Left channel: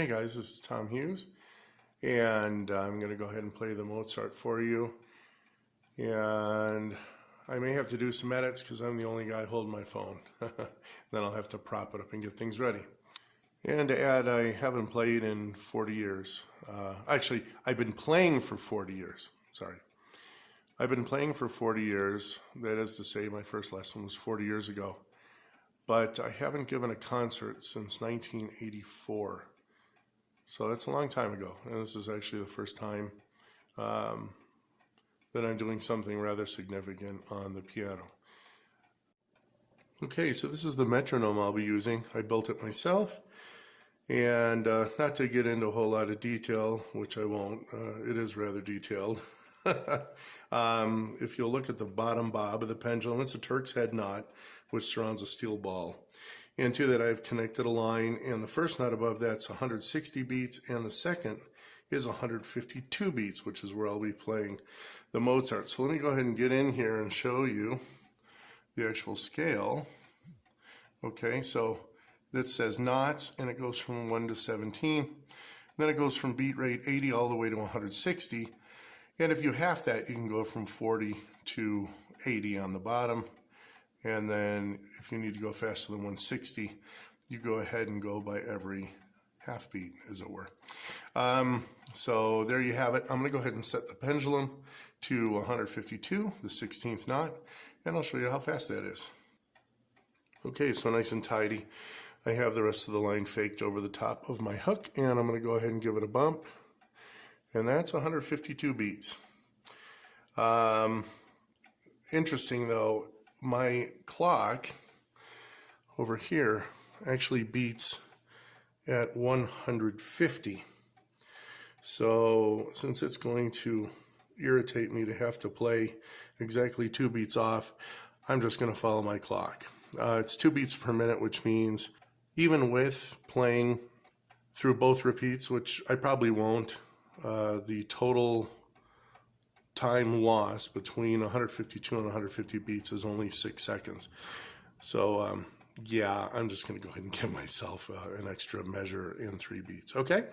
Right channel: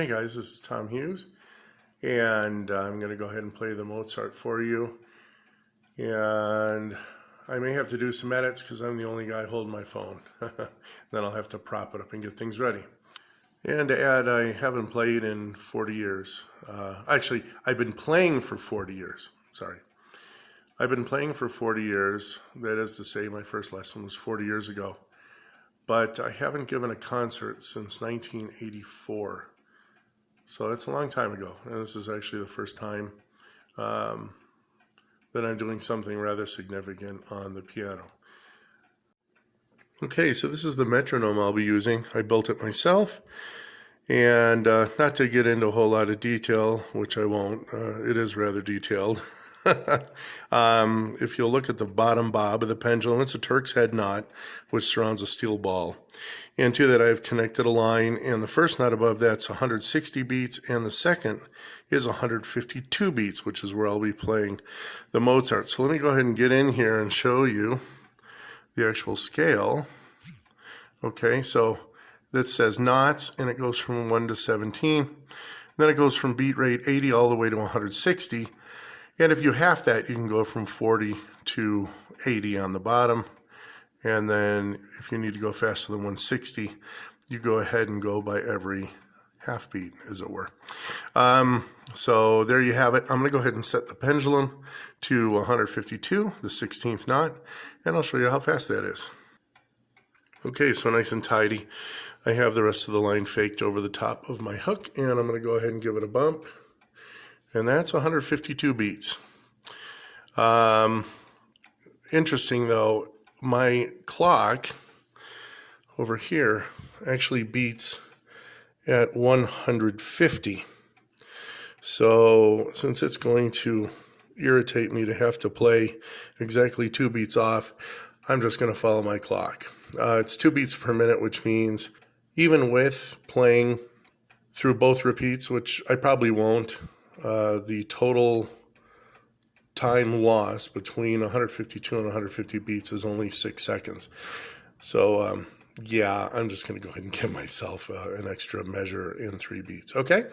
Hey guys, this is Tom Hughes, and I'm going to go ahead and play the Mozart for you. And I may have to do some edits because I'm the only guy holding my phone. Then I'll have to prop it up and get things ready. And to add, I haven't played in 40 years. Actually, I've been playing for 40 years. Sorry. I've been playing for 40 years. That is to say, my first lesson was 40 years ago. But I haven't given a concert since 1984. So that's a long time ago, and this is actually the first time that I'm doing something rather significant on the piano. Okay, so this is the metronome I'll be using. I built it myself, and not to get into a whole lot of detail, which I won't, it is rather detailed. If you'll look at the bottom bob of the pendulum, it's a Turk's head knot, which surrounds a steel ball. And to that I've connected a line, and the first knot above that's 160 beats, and the second is 152 beats, which is where I'll be playing the Mozart. So let me go ahead and get in here and show you the actual scale. Okay, so that says knots, and it goes from 1 to 17. Then it goes from beat rate 80 all the way to 160. And if you half that, you can go from 40 to 80 on the bottom. And then if you need to go faster than 160, you go ahead and go by every half beat, as it were. So there you have it. I'm going to go ahead and set the pendulum to 152, the 16th knot, and I'll show you how fast that is. Okay, so nice and tidy. I have the rest of the line faked over the top of my hook, and I'm going to go ahead and give it a bump. And that's 152 beats. Interesting though, my clock over here actually beats at 150. So since it's going to irritate me to have to play exactly 2 beats off, I'm just going to follow my clock. It's 2 beats per minute, which means even with playing through both repeats, which I probably won't, the total time loss between 152 and 150 beats is only 6 seconds. So yeah, I'm just going to go ahead and give myself an extra measure in 3 beats. Okay,